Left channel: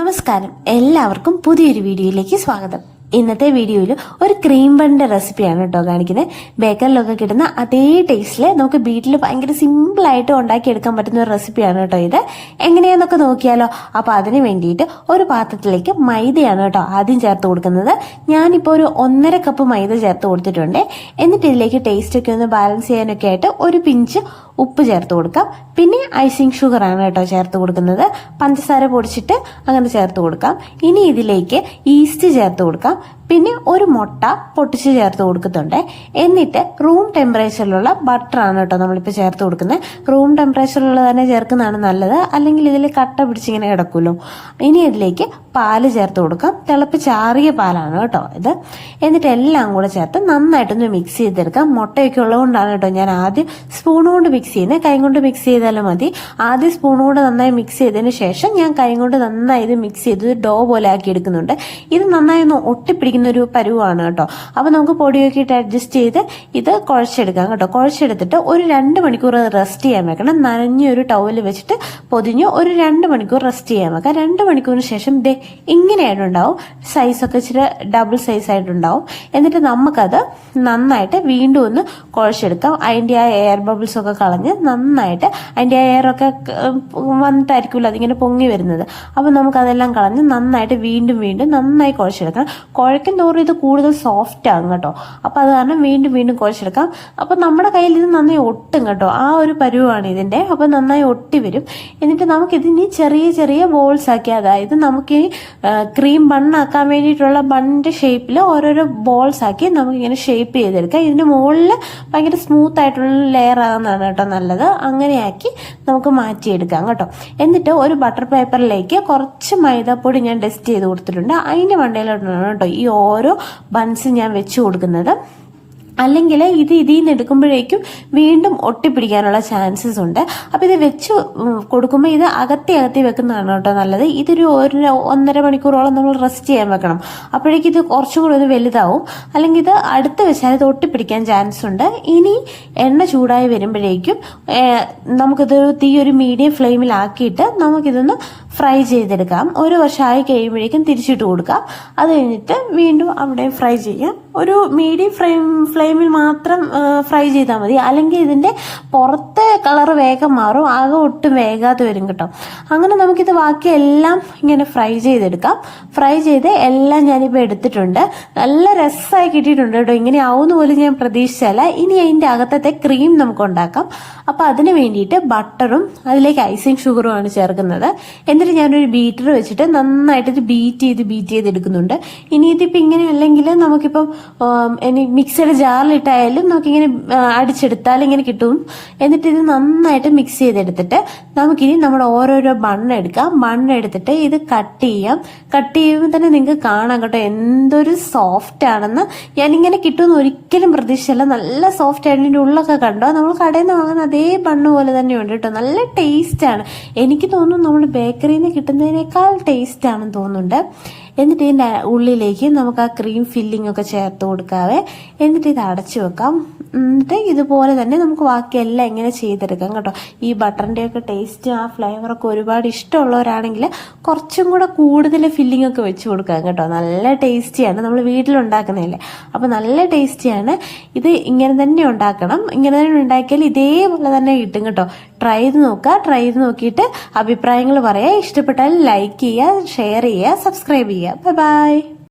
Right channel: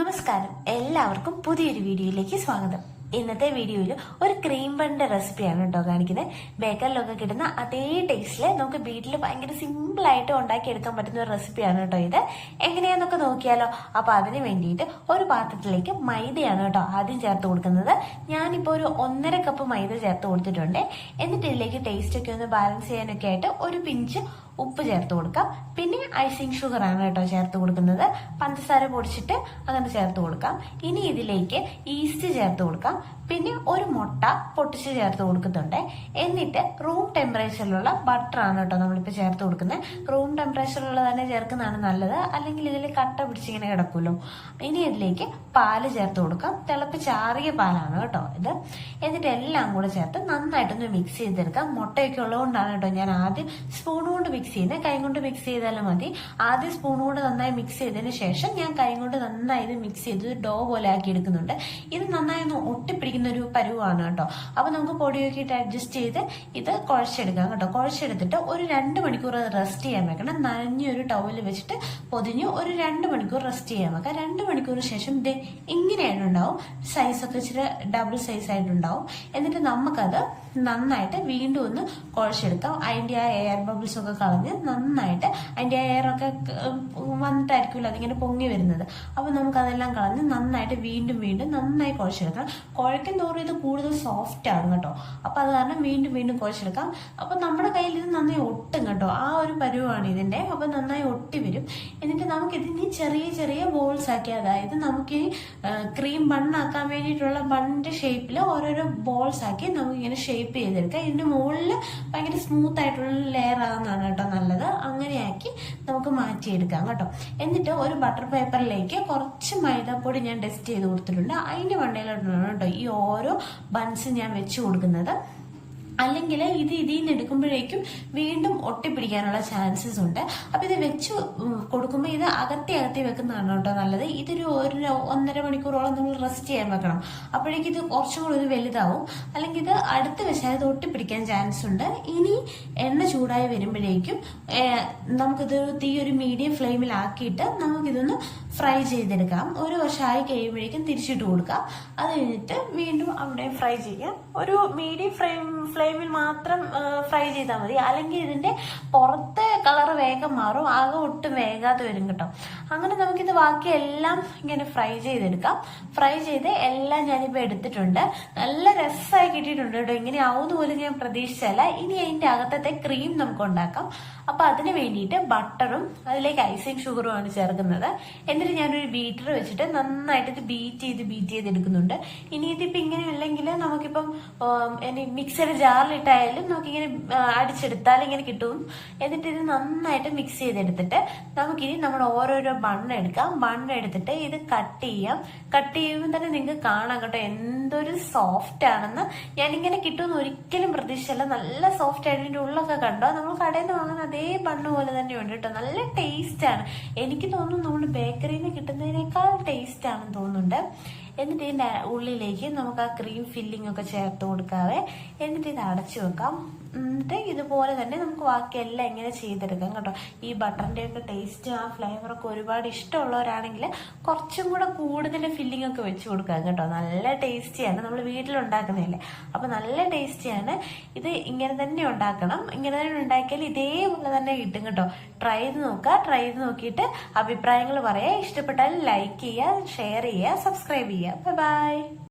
നമസ്കാരം, എല്ലാവർക്കും പുതിയൊരു വീഡിയോയിലേക്ക് സ്വാഗതം. ഇന്നത്തെ വീഡിയോയിൽ ഒരു ക്രീം ബണ്ണിന്റെ റെസിപ്പിയാണ് കേട്ടോ കാണിക്കുന്നത്. ബേക്കറിലൊക്കെ കിട്ടുന്ന അതേ ടേസ്റ്റിൽ നമുക്ക് വീട്ടിൽ ഭയങ്കര സിമ്പിളായിട്ട് ഉണ്ടാക്കിയെടുക്കാൻ പറ്റുന്ന ഒരു റെസിപ്പിയാണ് കേട്ടോ ഇത്. എങ്ങനെയാന്നൊക്കെ നോക്കിയാലോ. അപ്പോൾ അതിന് വേണ്ടിയിട്ട് ഒരു പാത്രത്തിലേക്ക് മൈദയാണ് കേട്ടോ ആദ്യം ചേർത്ത് കൊടുക്കുന്നത്. ഞാനിപ്പോൾ ഒരു 1.5 കപ്പ് മൈദ ചേർത്ത് കൊടുത്തിട്ടുണ്ട്. എന്നിട്ട് ഇതിലേക്ക് ടേസ്റ്റൊക്കെ ഒന്ന് ബാലൻസ് ചെയ്യാനൊക്കെ ആയിട്ട് ഒരു പിഞ്ച് ഉപ്പ് ചേർത്ത് കൊടുക്കാം. പിന്നെ ഐസിങ് ഷുഗർ ആണ് കേട്ടോ ചേർത്ത് കൊടുക്കുന്നത്. പഞ്ചസാര പൊടിച്ചിട്ട് അങ്ങനെ ചേർത്ത് കൊടുക്കാം. ഇനി ഇതിലേക്ക് ഈസ്റ്റ് ചേർത്ത് കൊടുക്കാം. പിന്നെ ഒരു മുട്ട പൊട്ടിച്ച് ചേർത്ത് കൊടുക്കുന്നുണ്ട്. എന്നിട്ട് റൂം ടെമ്പറേച്ചറിലുള്ള ബട്ടറാണ് കേട്ടോ നമ്മളിപ്പോൾ ചേർത്ത് കൊടുക്കുന്നത്. റൂം ടെമ്പറേച്ചറിലുള്ള തന്നെ ചേർക്കുന്നതാണ് നല്ലത്, അല്ലെങ്കിൽ ഇതിൽ കട്ട പിടിച്ചിങ്ങനെ കിടക്കുമല്ലോ. ഇനി ഇതിലേക്ക് പാല് ചേർത്ത് കൊടുക്കാം. തിളപ്പിച്ചാറിയ പാലാണ് കേട്ടോ ഇത്. എന്നിട്ട് എല്ലാം കൂടെ ചേർത്ത് നന്നായിട്ടൊന്ന് മിക്സ് ചെയ്തെടുക്കാം. മുട്ടയൊക്കെ ഉള്ളതുകൊണ്ടാണ് കേട്ടോ ഞാൻ ആദ്യം സ്പൂൺ കൊണ്ട് മിക്സ് ചെയ്യുന്നത്. കൈ കൊണ്ട് മിക്സ് ചെയ്താലും മതി. ആദ്യം സ്പൂൺ കൊണ്ട് നന്നായി മിക്സ് ചെയ്തതിന് ശേഷം ഞാൻ കൈ കൊണ്ട് നന്നായി ഇത് മിക്സ് ചെയ്ത് ഡോ പോലെ ആക്കി എടുക്കുന്നുണ്ട്. ഇത് നന്നായി ഒന്ന് ഒട്ടിപ്പിടിക്കുന്ന ഒരു പരുവാണ് കേട്ടോ. അപ്പോൾ നമുക്ക് പൊടിയൊക്കെ ഇട്ട് അഡ്ജസ്റ്റ് ചെയ്ത് ഇത് കുഴച്ചെടുക്കാം കേട്ടോ. കുഴച്ചെടുത്തിട്ട് ഒരു 2 മണിക്കൂർ റെസ്റ്റ് ചെയ്യാൻ വെക്കണം. നനഞ്ഞൊരു ടവൽ വെച്ചിട്ട് പൊതിഞ്ഞ് ഒരു 2 മണിക്കൂർ റെസ്റ്റ് ചെയ്യാൻ വെക്കാം. 2 മണിക്കൂറിന് ശേഷം ദേ ഇങ്ങനെയായിട്ടുണ്ടാവും. സൈസൊക്കെ ഇച്ചിരി ഡബിൾ സൈസ് ആയിട്ടുണ്ടാവും. എന്നിട്ട് നമുക്കത് നന്നായിട്ട് വീണ്ടും ഒന്ന് കുഴച്ചെടുക്കാം. അതിൻ്റെ ആ എയർ ബബിൾസ് ഒക്കെ കളഞ്ഞ് നന്നായിട്ട് അതിൻ്റെ ആ എയറൊക്കെ വന്നിട്ടായിരിക്കുമല്ലോ അതിങ്ങനെ പൊങ്ങി വരുന്നത്. അപ്പോൾ നമുക്കതെല്ലാം കളഞ്ഞ് നന്നായിട്ട് വീണ്ടും നന്നായി കുഴച്ചെടുക്കണം. കുഴക്കും തോറും ഇത് കൂടുതൽ സോഫ്റ്റ് ആകും കേട്ടോ. അപ്പോൾ അത് കാരണം വീണ്ടും കുഴച്ചെടുക്കാം. അപ്പോൾ നമ്മുടെ കയ്യിൽ ഇത് നന്നായി ഒട്ടും കേട്ടോ. ആ ഒരു പരുവാണ് ഇതിൻ്റെ. അപ്പോൾ നന്നായി ഒട്ടി വരും. എന്നിട്ട് നമുക്കിതിന് ചെറിയ ബോൾസ് ആക്കി, അതായത് നമുക്ക് ക്രീം ബണ്ണാക്കാൻ വേണ്ടിയിട്ടുള്ള ബണ്ണിൻ്റെ ഷേപ്പിൽ ഓരോരോ ബോൾസ് ആക്കി നമുക്കിങ്ങനെ ഷേപ്പ് ചെയ്തെടുക്കാം. ഇതിന് മുകളിൽ ഭയങ്കര സ്മൂത്ത് ആയിട്ടുള്ള ലെയർ ആകുന്നതാണ് കേട്ടോ നല്ലത്. അങ്ങനെയാക്കി നമുക്ക് മാറ്റിയെടുക്കാം കേട്ടോ. എന്നിട്ട് ഒരു ബട്ടർ പേപ്പറിലേക്ക് കുറച്ച് മൈദാപ്പൊടി ഞാൻ ഡസ്റ്റ് ചെയ്ത് കൊടുത്തിട്ടുണ്ട്. അതിൻ്റെ മണ്ടയിലോട്ടാണ് കേട്ടോ ഈ ഓരോ ബൺസ് ഞാൻ വെച്ച് കൊടുക്കുന്നത്. അല്ലെങ്കിൽ ഇതിൽ നിന്ന് എടുക്കുമ്പോഴേക്കും വീണ്ടും ഒട്ടിപ്പിടിക്കാനുള്ള ചാൻസസ് ഉണ്ട്. അപ്പോൾ ഇത് വെച്ച് കൊടുക്കുമ്പോൾ ഇത് അകത്തി വെക്കുന്നതാണ് കേട്ടോ നല്ലത്. ഇതൊരു 1.5 മണിക്കൂറോളം നമ്മൾ റെസ്റ്റ് ചെയ്യാൻ വെക്കണം. അപ്പോഴേക്കും ഇത് കുറച്ചും കൂടി ഒന്ന് വലുതാവും. അല്ലെങ്കിൽ ഇത് അടുത്ത് വെച്ചാൽ ഇത് ഒട്ടിപ്പിടിക്കാൻ ചാൻസ് ഉണ്ട്. ഇനി എണ്ണ ചൂടായി വരുമ്പോഴേക്കും നമുക്കിത് തീ ഒരു മീഡിയം ഫ്ലെയിമിലാക്കിയിട്ട് നമുക്കിതൊന്ന് ഫ്രൈ ചെയ്തെടുക്കാം. ഒരു വർഷമായി കഴിയുമ്പോഴേക്കും തിരിച്ചിട്ട് കൊടുക്കാം. അത് കഴിഞ്ഞിട്ട് വീണ്ടും അവിടെ ഫ്രൈ ചെയ്യാം. ഒരു മീഡിയം ഫ്ലെയിമിൽ മാത്രം ഫ്രൈ ചെയ്താൽ മതി. അല്ലെങ്കിൽ ഇതിൻ്റെ പുറത്തെ കളർ വേഗം മാറും, ആകെ ഒട്ടും വേഗാതെ വരും കേട്ടോ. അങ്ങനെ നമുക്കിത് ബാക്കി എല്ലാം ഇങ്ങനെ ഫ്രൈ ചെയ്തെടുക്കാം. ഫ്രൈ ചെയ്ത് എല്ലാം ഞാനിപ്പോൾ എടുത്തിട്ടുണ്ട്. നല്ല രസമായി കിട്ടിയിട്ടുണ്ട് കേട്ടോ. ഇങ്ങനെ ആവുന്ന പോലും ഞാൻ പ്രതീക്ഷിച്ചല്ല. ഇനി അതിൻ്റെ അകത്തത്തെ ക്രീം നമുക്ക് ഉണ്ടാക്കാം. അപ്പോൾ അതിന് വേണ്ടിയിട്ട് ബട്ടറും അതിലേക്ക് ഐസിങ് ഷുഗറും ആണ് ചേർക്കുന്നത്. എന്നിട്ട് ഞാനൊരു ബീറ്റർ വെച്ചിട്ട് നന്നായിട്ട് ഇത് ബീറ്റ് ചെയ്ത് എടുക്കുന്നുണ്ട്. ഇനി ഇതിപ്പോൾ ഇങ്ങനെ അല്ലെങ്കിൽ നമുക്കിപ്പോൾ മിക്സിയുടെ ജാറിലിട്ടായാലും നമുക്കിങ്ങനെ അടിച്ചെടുത്താൽ ഇങ്ങനെ കിട്ടും. എന്നിട്ട് ഇത് നന്നായിട്ട് മിക്സ് ചെയ്തെടുത്തിട്ട് നമുക്കിനി നമ്മുടെ ഓരോരോ ബണ്ണെടുക്കാം. ബണ്ണെടുത്തിട്ട് ഇത് കട്ട് ചെയ്യാം. കട്ട് ചെയ്യുമ്പോൾ തന്നെ നിങ്ങൾക്ക് കാണാം കേട്ടോ എന്തൊരു സോഫ്റ്റ് ആണെന്ന്. ഞാനിങ്ങനെ കിട്ടുമെന്ന് ഒരിക്കലും പ്രതീക്ഷിച്ചല്ല. നല്ല സോഫ്റ്റ് ആയിട്ട് ഇതിൻ്റെ ഉള്ളൊക്കെ കണ്ടോ. നമ്മൾ കടയിൽ നിന്ന് വാങ്ങുന്ന അതേ ബണ്ണ് പോലെ തന്നെയുണ്ട് കേട്ടോ. നല്ല ടേസ്റ്റാണ്. എനിക്ക് തോന്നുന്നു നമ്മൾ ബേക്കറിയിൽ നിന്ന് കിട്ടുന്നതിനേക്കാൾ ടേസ്റ്റ് ആണെന്ന് തോന്നുന്നുണ്ട്. എന്നിട്ട് ഇതിൻ്റെ ഉള്ളിലേക്ക് നമുക്ക് ആ ക്രീം ഫില്ലിംഗ് ഒക്കെ ചേർത്ത് കൊടുക്കാവേ. എന്നിട്ട് ഇത് അടച്ചു വെക്കാം. എന്നിട്ട് ഇതുപോലെ തന്നെ നമുക്ക് ബാക്കിയെല്ലാം ഇങ്ങനെ ചെയ്തെടുക്കാം കേട്ടോ. ഈ ബട്ടറിൻ്റെയൊക്കെ ടേസ്റ്റ് ആ ഫ്ലേവറൊക്കെ ഒരുപാട് ഇഷ്ടമുള്ളവരാണെങ്കിൽ കുറച്ചും കൂടെ കൂടുതൽ ഫില്ലിംഗ് ഒക്കെ വെച്ച് കൊടുക്കാം കേട്ടോ. നല്ല ടേസ്റ്റിയാണ്. നമ്മൾ വീട്ടിലുണ്ടാക്കുന്നതല്ലേ, അപ്പോൾ നല്ല ടേസ്റ്റിയാണ്. ഇത് ഇങ്ങനെ തന്നെ ഉണ്ടാക്കണം. ഇങ്ങനെ തന്നെ ഉണ്ടാക്കിയാൽ ഇതേപോലെ തന്നെ കിട്ടും കേട്ടോ. ട്രൈ ചെയ്ത് നോക്കുക. ട്രൈ ചെയ്ത് നോക്കിയിട്ട് അഭിപ്രായങ്ങൾ പറയുക. ഇഷ്ടപ്പെട്ടാൽ ലൈക്ക് ചെയ്യുക, ഷെയർ ചെയ്യുക, സബ്സ്ക്രൈബ് ചെയ്യുക. ബൈ.